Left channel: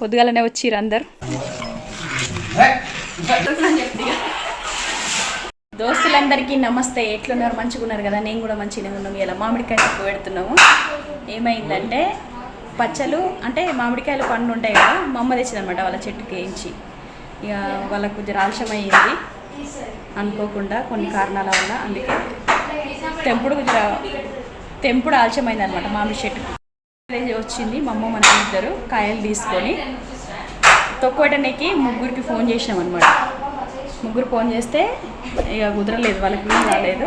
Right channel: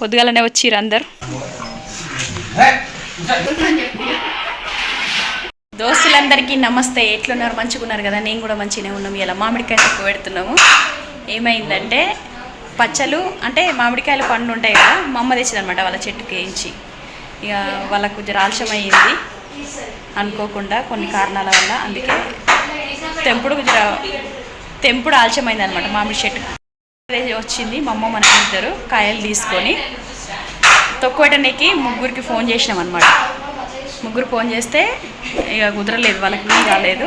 పొద్దుగాలనే వచ్చిర్రు అందరు దోస్తులందరికీ నమస్తే. ఎట్లున్నారు? మంచిగా ఉన్నారు కదా? నేను కూడా మంచిగానే ఉన్నాము. ఇలా మామిడికాయ తక్కువ పెడుతున్నాము. ఏమైందంటే పచ్చలు అంటే మామిడికాయలు పండ్లు ఉంటాయి కదా, మా అమ్మ తెచ్చిందనమాట వాళ్ళ చెట్టుకి వేయించి. ఇక వాళ్ళకు కొంచెం ఆలస్యం అయ్యింది అనుకోకుండా కొన్ని కారణాల వల్ల. అందుకే తెంపుడు ఆలస్యమైంది అనమాట. మామిడి చెట్టుకు వచ్చింది మా అమ్మ మన ఇద్దరు కాయలు తీసుకొని తొక్కువటనికి ముగ్గురికి ఫోన్ చేసినాం అనమాట. ముగ్గురు ఫోన్ చేస్తే ఇక కుదరలేదు, వాళ్ళకి వీలు కాలేదు.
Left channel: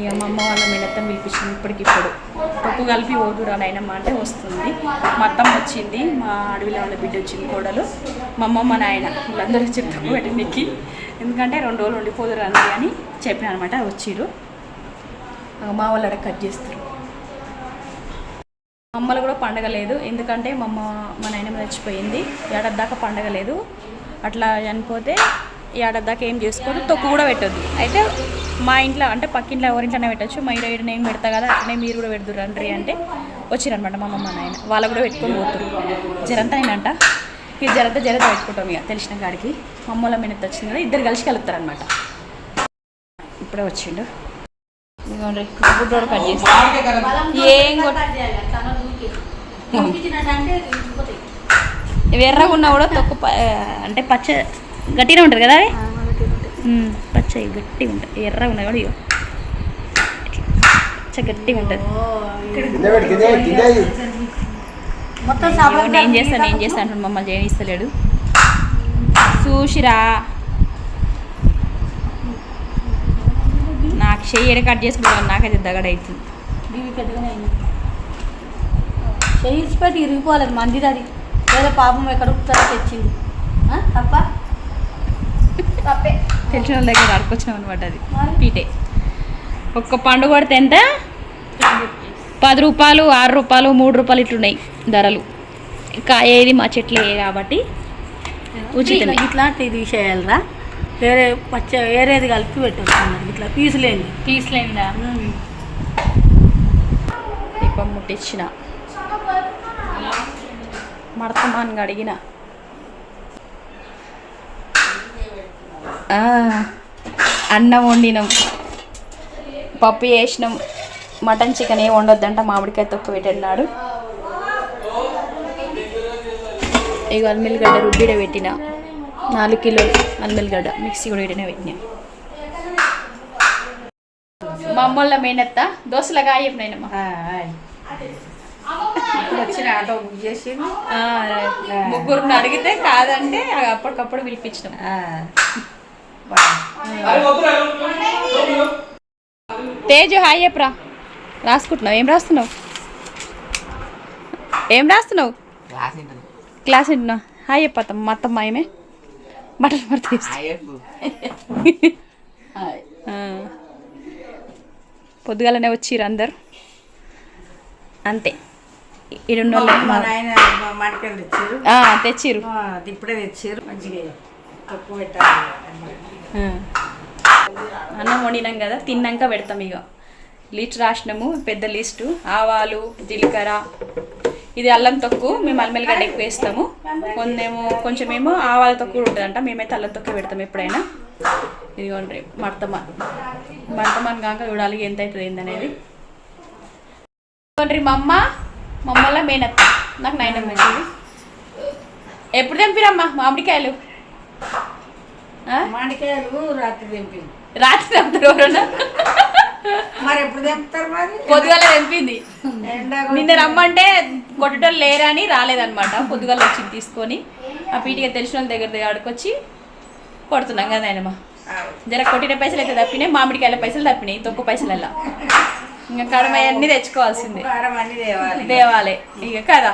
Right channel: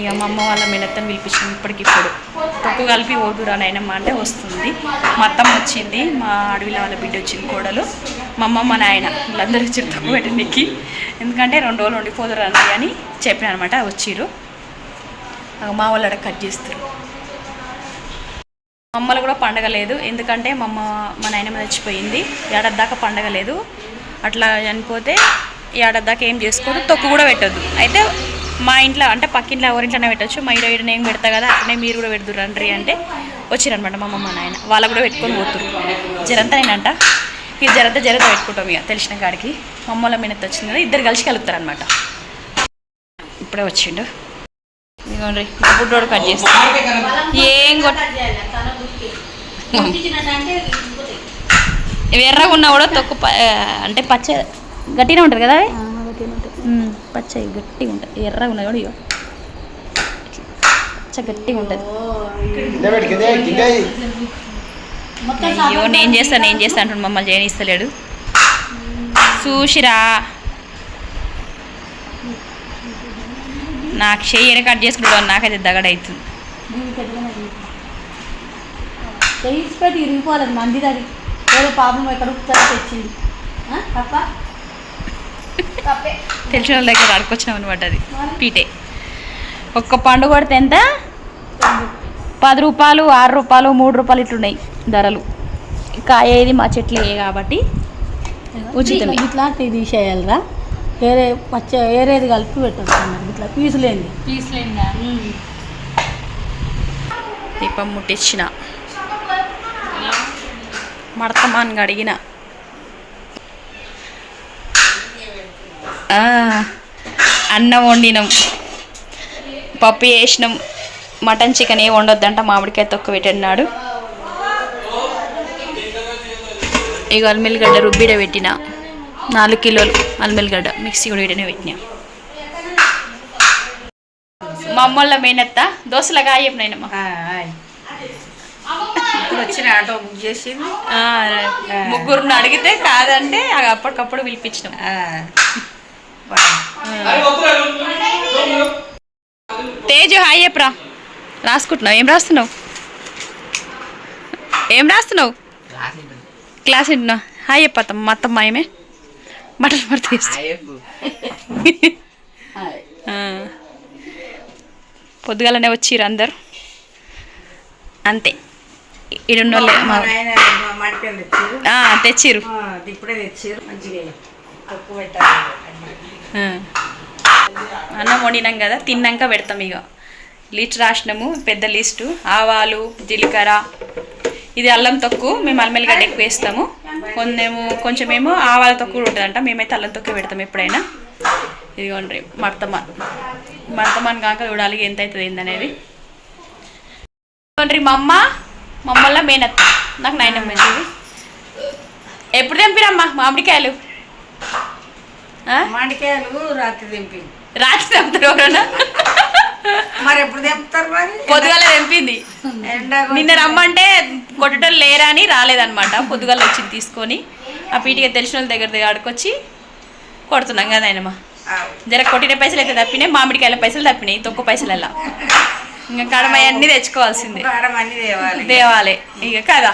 ఇక మా అమ్మ వాళ్ళ మేనత్తని పిలిపించింది. ఇప్పటికిప్పుడు తొక్కు కలిపి ఓదురా నాయనమ్మ అంటే వస్తుంది. మా అత్తమ్మ వచ్చింది, మా అడవిలో వాళ్ళ బిడ్డ వచ్చింది, కోడలు, మా అమ్మ మా నాయన వీళ్ళందరూ వచ్చారు తొక్కు పెట్టడానికి. ఎందుకంటే 2 రోజులు ఉండిపోదురండి అని చెప్పిన అనమాట. వచ్చిర్రు. మా వాళ్ళు అక్కడ కట్ చేస్తారు. మా అమ్మలు కూడా పండగ లేదు, ఎందుకంటే మా నాయనమ్మ చచ్చిపోయింది. ఏడాది దాకా పండగ లేదు. అట్లా చనిపోతే ఏడాది దాకా ఏం చేసుకోదు, తొక్కు కూడా పెట్టద్దు. అయితే మా ఇంట్లో అంటే పక్కింట్లో ఎవరింట్లోనే పెట్టచ్చు, మా ఈడ నేను పెడతా కదా అట్లనే మీరు కూడా పెడుతురు రండి అంటే వచ్చిరనమాట మా అమ్మ మా నాయన. వాళ్ళకు కూడా పెట్టుకొని పోతురు. జరంతా నేనంట ఇక జరంతా పెట్టుకుంటాం ఇక తెలిసిన కాడికి. మా అమ్మ వాళ్ళ మినత్ వచ్చింది కదా, ఇద్దరు కలిసి కలుపుతారు అనమాట. ఇప్పుడే వచ్చిండు. ఇదిగోండి మా బుడ్డోడు కట్ చేస్తాను. ఏం ఎర్రగా ఉన్నా కూడా తొక్కు అంటే పచ్చ గట్టిగా ఉంటుంది కదా, అవి పచ్చ గట్టిగా ఉంటుంది. ఎర్రగా ఉన్నాయి కూడా ఇగో పచ్చ గట్టిగా ఉంటుంది. అయ్యో నేను చేస్తాను అంటున్నాడు, మమ్మల్ని చేయనిస్తలేడు. చూసిరా నాకు చెయ్యి కట్ చేసుకుంటాడు, నాకైతే దగడ అవుతుంది. చేసిపెట్టి ఇరిగిపోలేదు మందిది, అది ఏదో పాపం ఎక్కడ తెచ్చింది తప్ప తెలిసిన వాళ్ళ దగ్గర అడుకొచ్చినాం అనమాట. అది పీటే ఒక్క పండు కొడితే ఎంత? 10 రూపాయలు, 6 రూపాయలు, 3 రూపాయలు ఇట్లున్నాయి ధరలు. కాయేది మా చెట్లే కాబట్టి ఉచితమే. ఇట్లాంటివి తీసేయాలరా, వేరే పచ్చ వేరేది కలిపి పెట్టారు. ఇట్లా పీసులేందా దీపం ముట్టించిన మడతమాన్గా అడిగిన అన్నం వండినాం, పప్పు వేసినాం. మటన్ చికెన్ ఏ వండొద్దంట, మామిడికాయ తొక్కు పెట్టన్నాడు. ఇక అల్మిల్లిగడ్డ రుబ్బిడ పెట్టిన 4 కిలోలు అల్మిల్లిగడ్డ మిక్సీ కూడా ఇడనే పెట్టినా. మా అమ్మోళ్ళ మేనత్త దోశలుగా చెప్పినాయనమ్మా. వచ్చిన ఆటో బుక్ చేసింది, ముగ్గురుని అడిగితే కాదంటే అప్పటికప్పుడు పిలిపించినాం. తేజు హాయ్ చెప్పరా. రాసుకుంటున్నావు? ఏం రాస్తున్నావు? క్లాస్ వింటున్నావు? హాయ్ చెప్పత్తాం. మా అత్తమ్మ ఏమే బట్టలు పడితే పొద్దుగాలనే వచ్చిర్రు అందరు అంతే. ఇడున్నోళ్ళే తెచ్చిర్రు. ఇప్పుడే తెచ్చిర్రు. అన్నం వండినాం కదా, తిన్నాక పెడతాం. ఇక లిస్ట్ రాసినాము, పెద్ద లిస్టు. ఆవాలు, జీలకర్ర, ఇది అల్లం తొక్కు. మేము అల్మెల్లిగడ్డ ఎక్కువ వేస్తాము. కొంచెమేమో ఆవాల తొక్కు కూడా ఉంటుందంట. మేమైతే అల్లం తొక్కు పెడతాం ఎప్పుడైనా. ఇదిగోండి మడతమాన్ కాక చూడాలి ఎంత అవుతుంది ఏందనేది. ఇదిగోండి మా అమ్మల మేనత్త, నాకు నాయనమ్మ ఇది. ఎప్పుడు తెంపిరమ్మా మామిడికాయలు? రాత్రి తెంపుతారు ఎవరన్నా? మరి ఎప్పుడు తెంపుతారు? మరి పొద్దుగాల తెంపింది. నిన్న రమ్మంటే కొట్టేటోళ్ళు లేరా అని రాలేదనమాట. పొద్దుగాల వచ్చింది తీసుకొని. ఆ పీటిగా తెలిసిన వాళ్ళ దగ్గర ఆడుకొచ్చి కొడుతున్నాం కదా ఆయనమ్మ. జర కొట్టిన పైసలు అయితే తప్పినాయి, మామిడికాయల పైసలు తప్పినాయి. తొక్కు పైసలల్లా ఇంకా కడమయ్య అన్నీ తెచ్చుకోవాల్సిందే, దేవాలి ఇక కదా.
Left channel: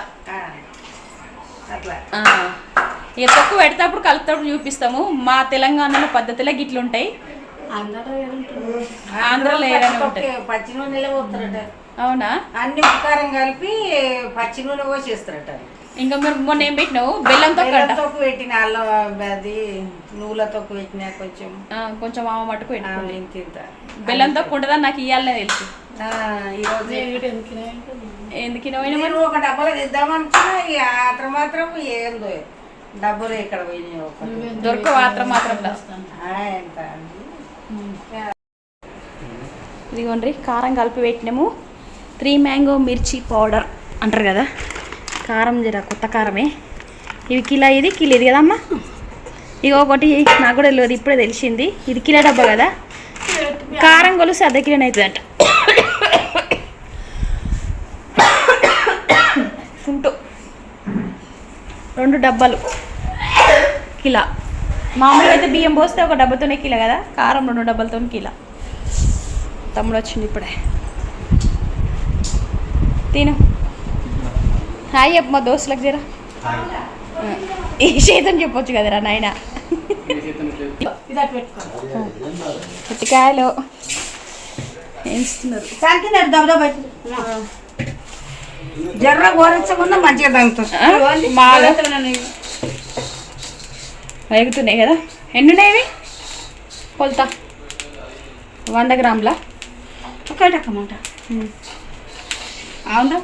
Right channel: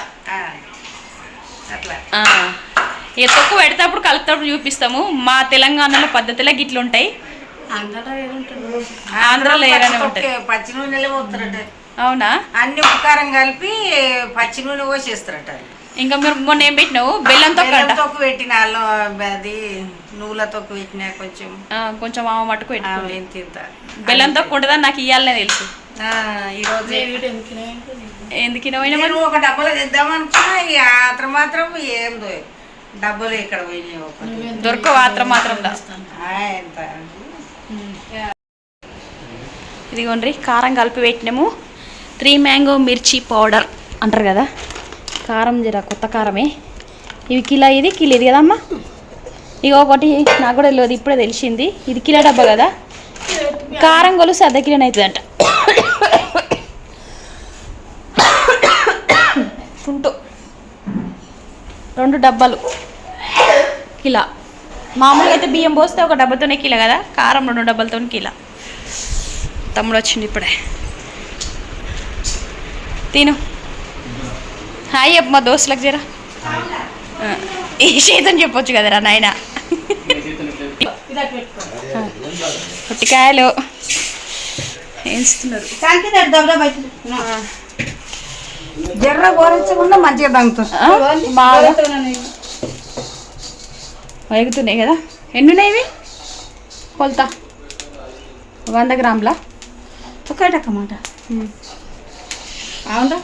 ఇక తొక్కు పెడేటప్పుడు కలుపుతప్పుడు చూపిస్తాము. మా తెలంగాణలో పద్ధతిలో గిట్లుంటాయి, ఆంధ్రాలో ఏదైనా ఉంటుంది. పచ్చి నూనెలో పోతారట. అవునా? అన్ని ఉపకారం కలిపి పచ్చి నూనె పోసేస్తారట. ఇంకా మీరు మొన్న ఏం పెట్టినావు? బెల్లం తొక్కు పెట్టిన, అది నువ్వుల తొక్కు పెట్టినా కొంచెం ఆమె మట్టుకు పెట్టుకోండి. బెల్లం తొక్కు ఉంటుందని నాకు ఇవ్వాలనే తెలుసు. ఈరోజు ఎందుకు నేను ఒక డబ్బులు తెద్దామనుకున్నా ఇక ఆత్రం మాత్రం ఏందో డబ్బులు ఇక్కడ పోయినాయి ఒకటి దొరక మాత్రం ఎంత ఇదిగోండి కారం కలిపి పెట్టినాము 3 మ్యాంగో మిర్చి పౌడర్ అంటారు కదా కారం జర కొత్త కారమే ఇవి కిలో ఇది కదమ్మా ఇక ఒకటి నాకు కూడా తెలియదు ఇప్పుడే తెలిసింది ఇది కిలో డబ్బా కదా కారం కొలుసు అర్ధ కిలోనే అవుతుందంట ఫుంటు 2 డబ్బాలు కిలో మామూలుగా అయితే బియ్యం పోస్తే ఒక డబ్బాతోనే కిలో కదా కారం 2 డబ్బాలతో కిలో తమ్ముడు వచ్చింది ఇప్పుడే తిను హాయ్ అప్ప మా దోస్తులకు జరా ఈ చేతని చెప్పొచ్చు కదరా నాయన పొట్టికాయలు వేస్తున్నారు జర్ర కోరించకుండా మంచిగా దంపుతుంది బాగా వేగుతున్నాయి కదా ఎన్ని ఉన్నాయి ఇవి కొలత 100 గ్రాముల ఒకటమాట అవును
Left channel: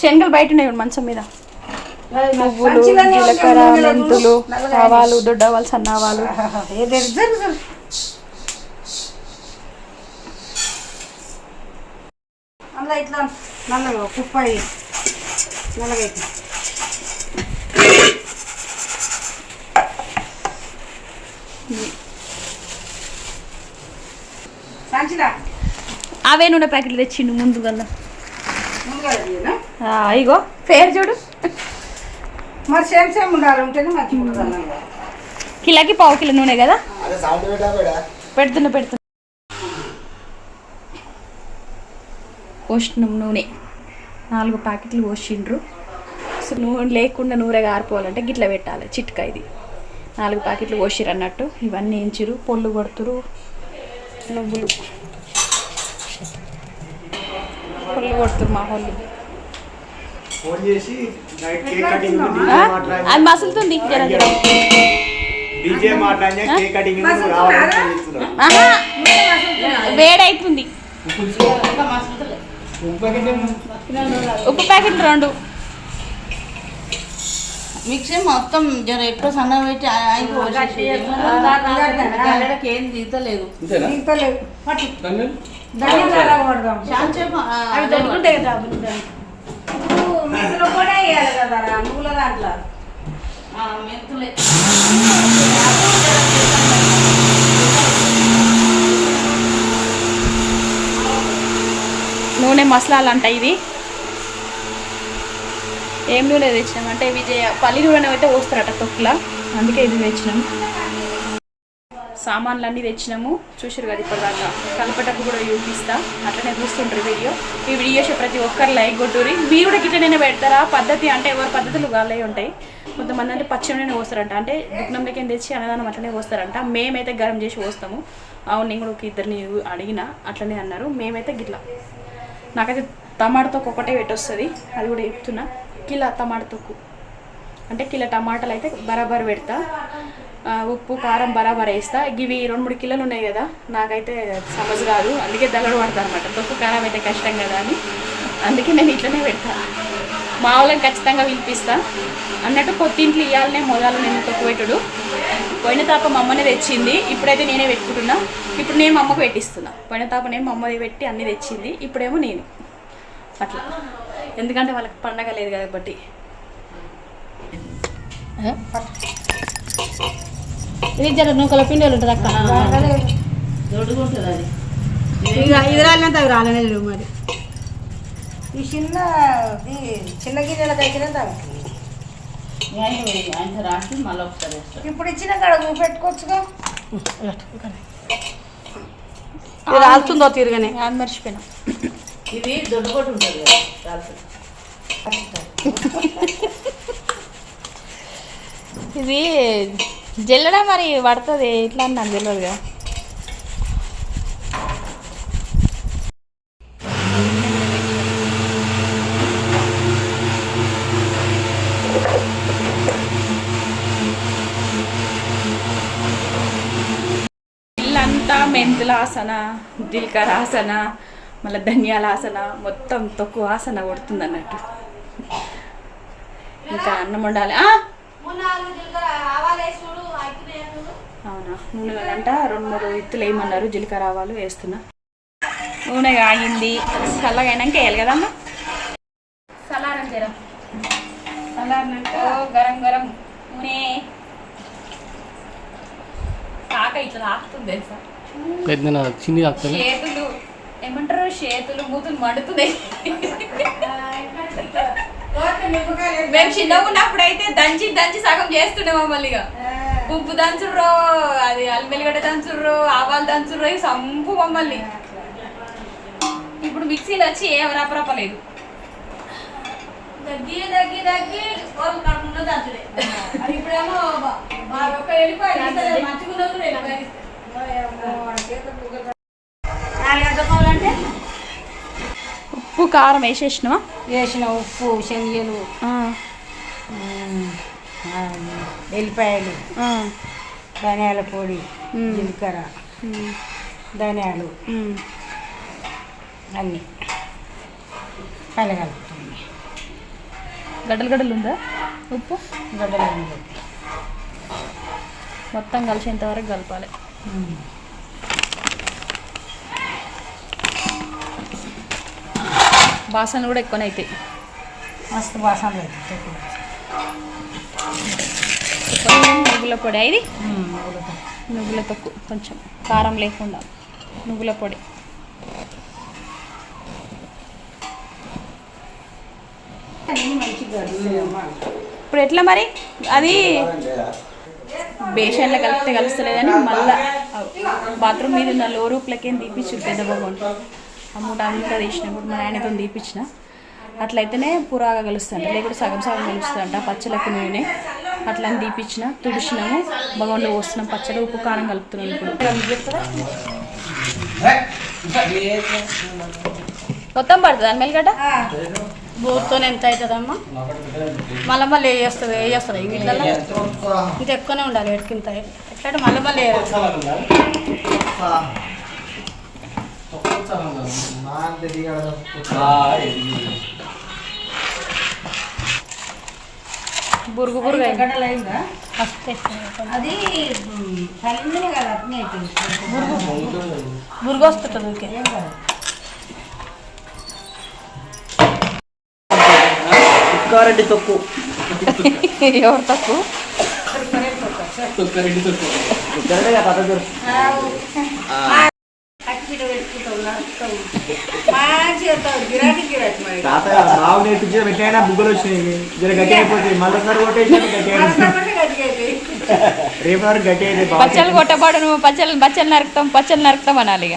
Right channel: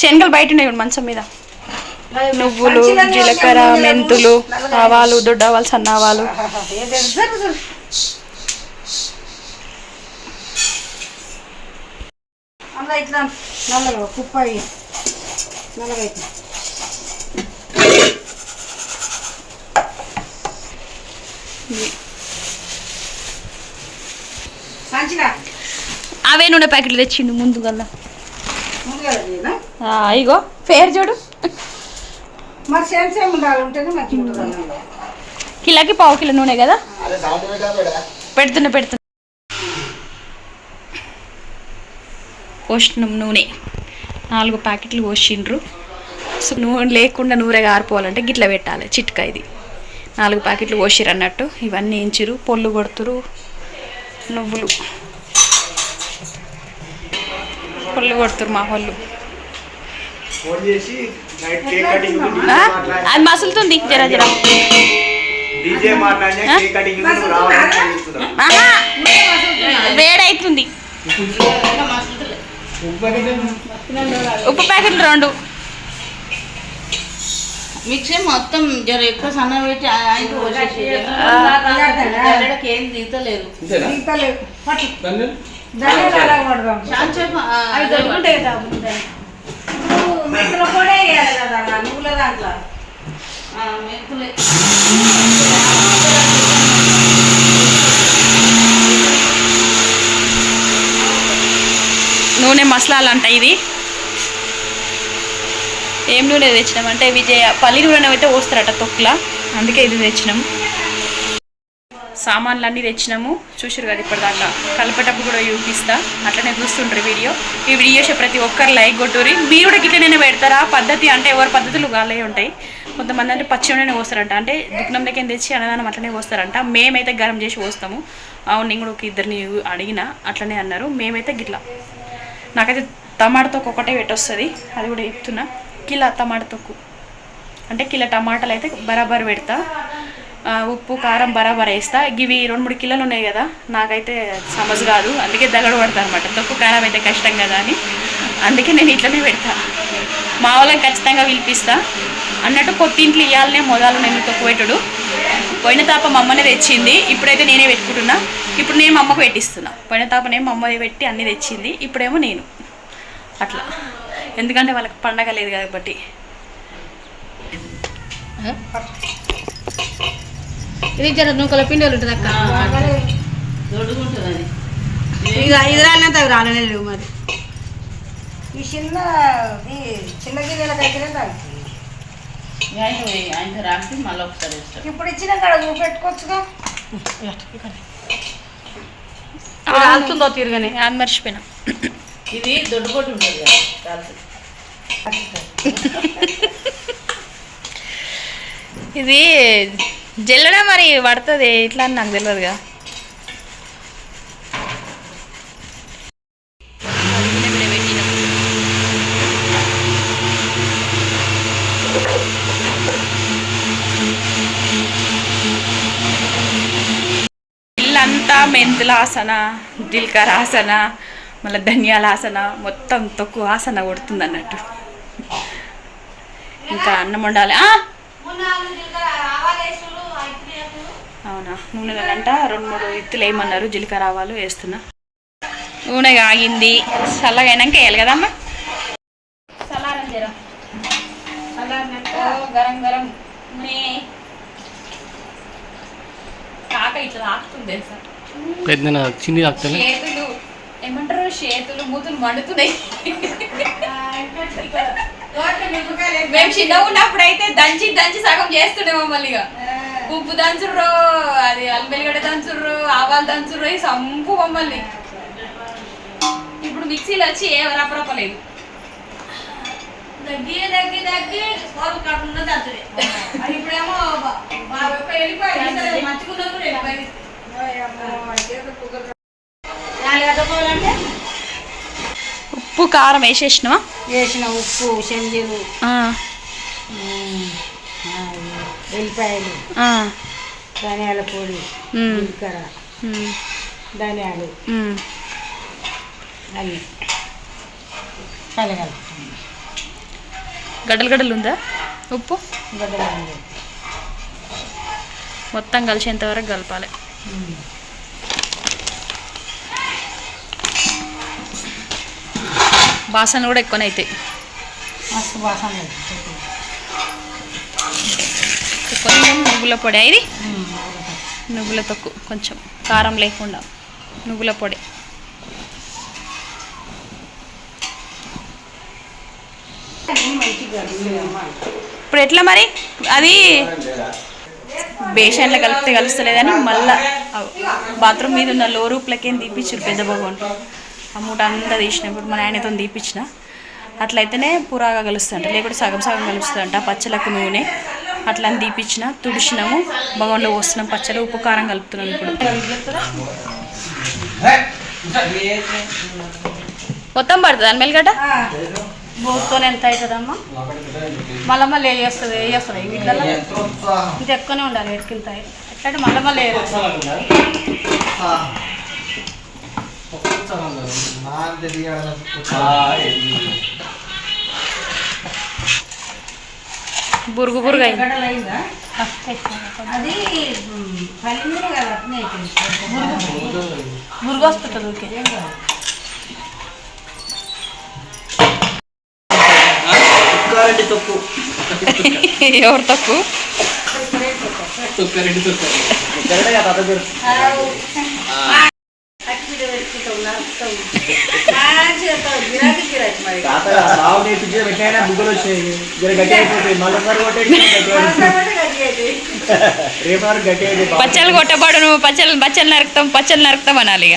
శనగలు బయట ఉన్నాయి మంచం మీద నువ్వులు జీలకర్ర మెంతులు ఆవాలు దొడ్డవాలు సన్నావాలు అందులో ఇట్లా నల్లగా కుప్పాయి నల్లగా సంచిగా అవే నూనె ప్యాకెట్లు తెచ్చిండు ముందుగా ముందుగా ఇగో పేరు చూడు మరి సేమ్ ఉండాలి ఉంటేనే మంచిగా కిలోకి పావు కిలో నూనె కదా పెడుతున్నా పోషినాం నూనె 4 ప్యాకెట్లు పోసిండ్రు సో నూనె లేకుండా నూనె గారిపోవాలంటే గిట్ల పెట్టాలి చిట్కా ఇది 4 ప్యాకెట్లు పోసిరు అన్నట్టు ఇవన్నీ ఎంచిరు పొల్లు కొడుతురు నువ్వులు పొల్లు కొడుతురు మా వాళ్ళు అది మసులుతుంది జర వేడవుతుంది ఉప్పు ప్యాకెట్లు 2 మిక్సీ మొత్తం జర ఎక్కువ సన్న పెట్టి ఏం దిగుతలేదు మెంతులు కూడా వేయాలి కదా నువ్వుల దాంట్లో మెంతులే నూనె మసాలాలంట ఇది ఏం నూనె తెచ్చినామంటే పల్లి నూనె అయితే పోస్తారట తొక్కుల అందుకే ఇది తెచ్చినాము సామాన్లు అన్నీ తెచ్చినాము చూసారు కదా ఇప్పటిదాకా కలిపేటప్పుడు కూడా చూపిస్తా అట్లనే చూస్తుంటారు ఈ వీడియో ప్రతి ఒక్కరు లైక్ కొట్టురి మీరు కూడా గిట్లనే పెడతారా పద్ధతి అంటే ఎవరి పద్ధతులు వాళ్ళే ఉంటాయి కొంతమంది అంటే పచ్చి నూనె పోస్తారంట అంటే దుకాణం దగ్గర తెచ్చి అన్నదానం అట్లనే పోస్తారంట మేమైతే గరం చేసి పోస్తాము అవును నేను కూడా ఒక ఇద్దరిని అడిగిన అట్లనే అన్నారు మేమైతే గిట్లా నాకైతే టమాటా ఒకటే పెట్టొస్తుంది అది కూడా చెప్తున్నా కిలో టమాటా తొక్కు అంటే కిలో టమాటాలు అయితే బరాబర్ పెడతా ఉప్పు కారం బరాబర్ వేస్తా ఇవి 2-3 కిలోలు ఉన్నాయి కదా నాకైతే సమజ్ కాదు అందుకే దగడు పడతా అనమాట తొక్కు కారం అయితే కష్టం కదా అని అందుకే నేను ఇట్లనే పెడతా మా వాళ్ళని ఖచ్చితంగా పిలిపిస్తా అన్నట్టు కొత్తింట్లు ఇవ్వాలనే మొదలు నేను తొక్కు పెట్టుడు పోయిన తాప మా అమ్మనే తెచ్చింది ఇప్పుడైతే నేనే పెట్టుకుంటున్నా ఇప్పుడు నేను మా అమ్మకు పెట్టిస్తున్నా పోయిన తాపనేమో మా అమ్మ పెట్టి అన్నీ తెచ్చింది ఇప్పుడేమో నేను అట్లా ఎందుకంటే వాళ్ళకి పండగ లేదు కాబట్టి ఇది జర నూకల పిండి ఉంటుంది అక్క దొడ్డుకుంటుంది అది ఇక 5 రాలినంత అవి రాలలేదు మరి ఈ చిన్న గిన్నెలకైతేనే తాగుతుంది ఆయన రాసి మళ్ళీ ఒకసారి ఇప్పుడు ఇచ్చిన కాడ నువ్వు పెట్టుకోవచ్చుగా అవుతుందో తిరగని అది మర్చిపోయినా ఇది దొడ్డుకోటి ఉంటుంది కదా ఇది జల్లడ మరి పడుతుంది ఎట్లా అని నాకు తెలియదు కదా ఇల్లంతా మెంతుల ఆసన జీలకర్ర ఆసన మళ్ళీ ధనియాల ఆసన మొత్తం తొక్కు ఆసన కొడుతుంది అన్నట్టు. ఇంకా అన్నం వండాలి. అవునా, నూనె అంట 2-3 ఇత్తులు వేయమన్నారు. జీలకర్ర ఆవాలు వేస్తున్నా. నూనె ఆగింది, చల్లగా అయినాక వేయాలి కదమ్మా. చల్లారం జరం గరం గరం నూనె కాక ఇట్లా తాకుతుంది తెలుసా. చిన్ని తాకుతుంది. చేతులు ఏమంటారు, చేతులు మూతులు మండుతున్నాయి. మేము చిన్నగా ఉన్నప్పుడు అయితే దంచి దంచి సగం చేస్తుండే మమ్మల్ని. ఇక ఉప్పు దంచుర్రో, అది అల్లిగడ్డ దంచుర్రో, ఆవాలు దంచుర్రో, సంపు మమ్మల్ని. ఇప్పుడు మిక్సీలో వచ్చి ఏ రపరపలేదు. దగ్గి దగ్గి దగ్గి కాకుండా దంచుడే. ఇప్పుడేమో ఉప్పు కారం వేసేసినావా? వేసిన ఉప్పు, శనగలు, వెల్లిపాయలు, ధనియాల పొడి, జీలకర్ర, ధనియాలు అన్నీ కలగలుపుతుంది. గడ్డలు గడ్డలు ఉందా ఉప్పు? గడ్డలు మొత్తం కలిసేంత వరకు కలపాలి. వాసనలు కూడా ఎక్కువనే అవుతాయి. మస్తు వాసన. కొంచెం నువ్వుల పొడి, ఇది నువ్వుల తొక్కు, కొంచెం కారం లేకుండా నువ్వుల పొడి. ఇప్పుడు ఎట్లా మరి? అది బేషన్లో కలిపితే కలుస్తలేదని మళ్ళీ బాత్రూమ్ మీద ఉన్న లో రూప్లకేం తీపిచ్చారు పెద్ద భగవంతుడు. ఆ మూట అంతా తీసినప్పుడు మా నాయనతో తీపిచ్చిన. అట్లయితేనే పురాగా కలుస్తుంట, లేకుంటే సగం సగం కలుస్తుందంట. పచ్చలకు నూనె అట్లా అని తీపిచ్చిన, తుడిచినాము, భగవంలో పోస్తున్నాం. పచ్చడి ఉప్పు కారం కలుపుతున్నాం. ఇప్పుడు మొత్తం పడుతుంది అని మెల్లిగడ్డ బోర్తో ఎంత అవుతుందమ్మా? మళ్ళీ మళ్ళీ వేస్తుంది ఇంత ఎక్కువనే ఉండాలి. ఎట్కింత ఎట్లంటే మళ్ళీ మళ్ళీ బురుగు బురుగు అది పలిందే కదా, అట్నే అవుతుంది. బురుగు వస్తుంది ఊరికే. ఎవరు తక్కువ? పచ్చళ్ళు కొట్టబడు, నువ్వు పచ్చళ్ళు నరుకుతాం అనాలి. ఇక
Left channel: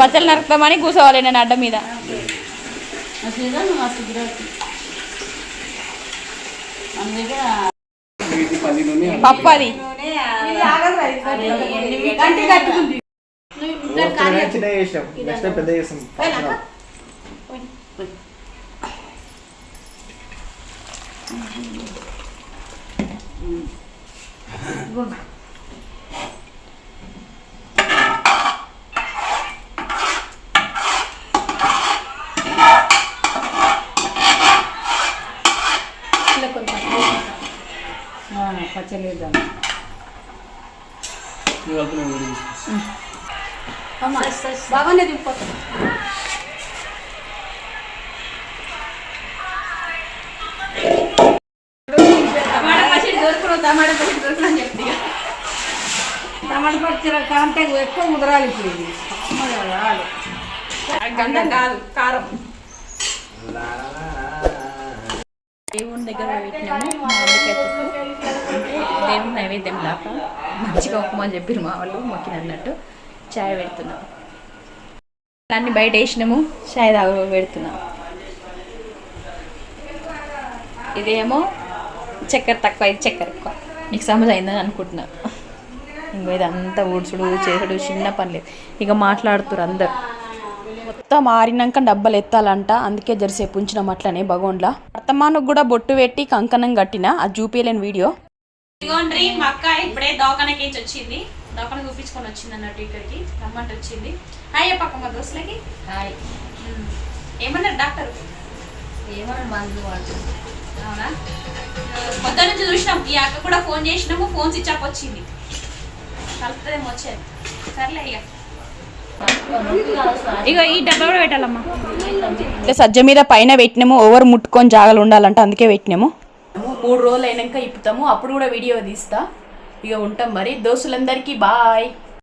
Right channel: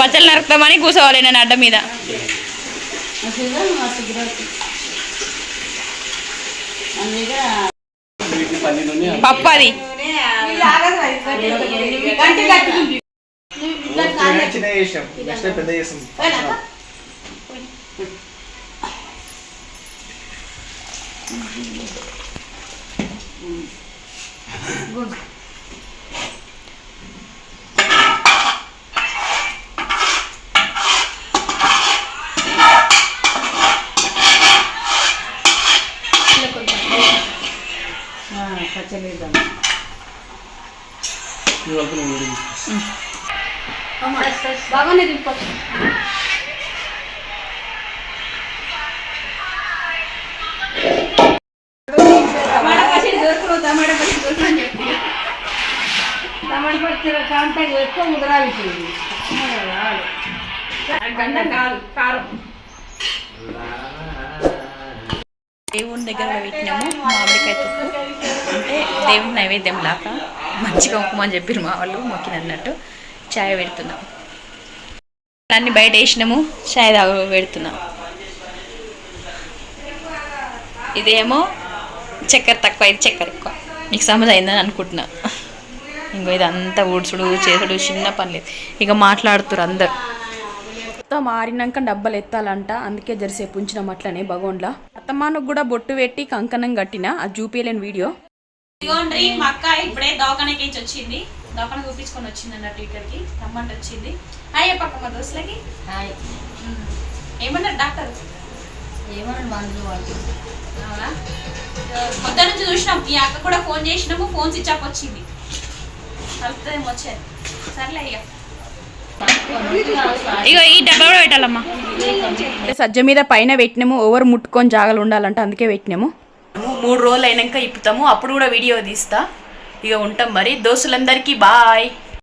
పచ్చళ్ళు నరుకుతామని కూర్చోవాలి నేను అడ్డ మీద. పప్పు అది పచ్చలేద్దాం. బాగానే దింప. టమాటా పచ్చడి కాంటే ఎక్కువ ముదరాలి. గంధం కాదు, కారం. దేవుని దగ్గర పెట్టినాము మామిడికాయ తొక్కు, అంటే దేవుని నైవేద్యం లాగా మంచిగా ఉప్మా అని చెప్పారు మా వాళ్ళు, మొక్కిన అన్నట్టు. చాయ్ పెడుతున్నాం, అన్నీ బయట వేసినాము, చాయ్ పెడుతున్నాం. ఇదేమో చక్కెర తక్కువ, ఇది చక్కెర ఎక్కువ. నీకు సమజ్ అయిందని అనుకుంటున్నా. ఇంకో ఇదంతా ఊడ్చుడు చేసుడు చిన్న పనిలేదు. ఇక మాట్లాడుతురు అందరు. మొత్తం ఆరినాక డబ్బలు ఎత్తాలంట, అందుకే జరసేపు ఉంచినాం అట్లనే భగవంలా. వర్తమానికి కూడా బొట్టు పెట్టి కంకణం కట్టిన, అది చూపించలేని వీడియో. ఇదిగోండ్రి మా అక్క ఇప్పుడే దవాఖానకి వచ్చింది. దవాఖాన చూపించుకొని వచ్చింది అన్నట్టు, ఇక్కడికి రమ్మంటే వచ్చింది. హాయ్ చెప్పక్క దోస్తులకి. హాయ్. ఏమన్నారు డాక్టర్? ఏమన్నా మందులు వాడుతుంది. అవునా? పొద్దున్న నుంచి చూసినాం, ఈ అక్క కూడా ఫోన్ చేసినాము, ఫోన్ స్విచ్ ఆఫ్ వచ్చింది. కలుపుతుందేమో వచ్చేది. సర్లే ఇక ఈ డబ్బా కూడా పెట్టాలమ్మా. సజ్జ మీద పైన పెట్టినాము, ఓవర్ ముట్టుకొని జాగలు ఉండాలంటే అందుకే పెట్టినాము. 3 రోజులు అయినాక ఇప్పుతాము, అప్పుడు కూడా వీడియో తీస్తా. ఇక ఉంటాం మరి. దోస్తులందరికీ బాయ్.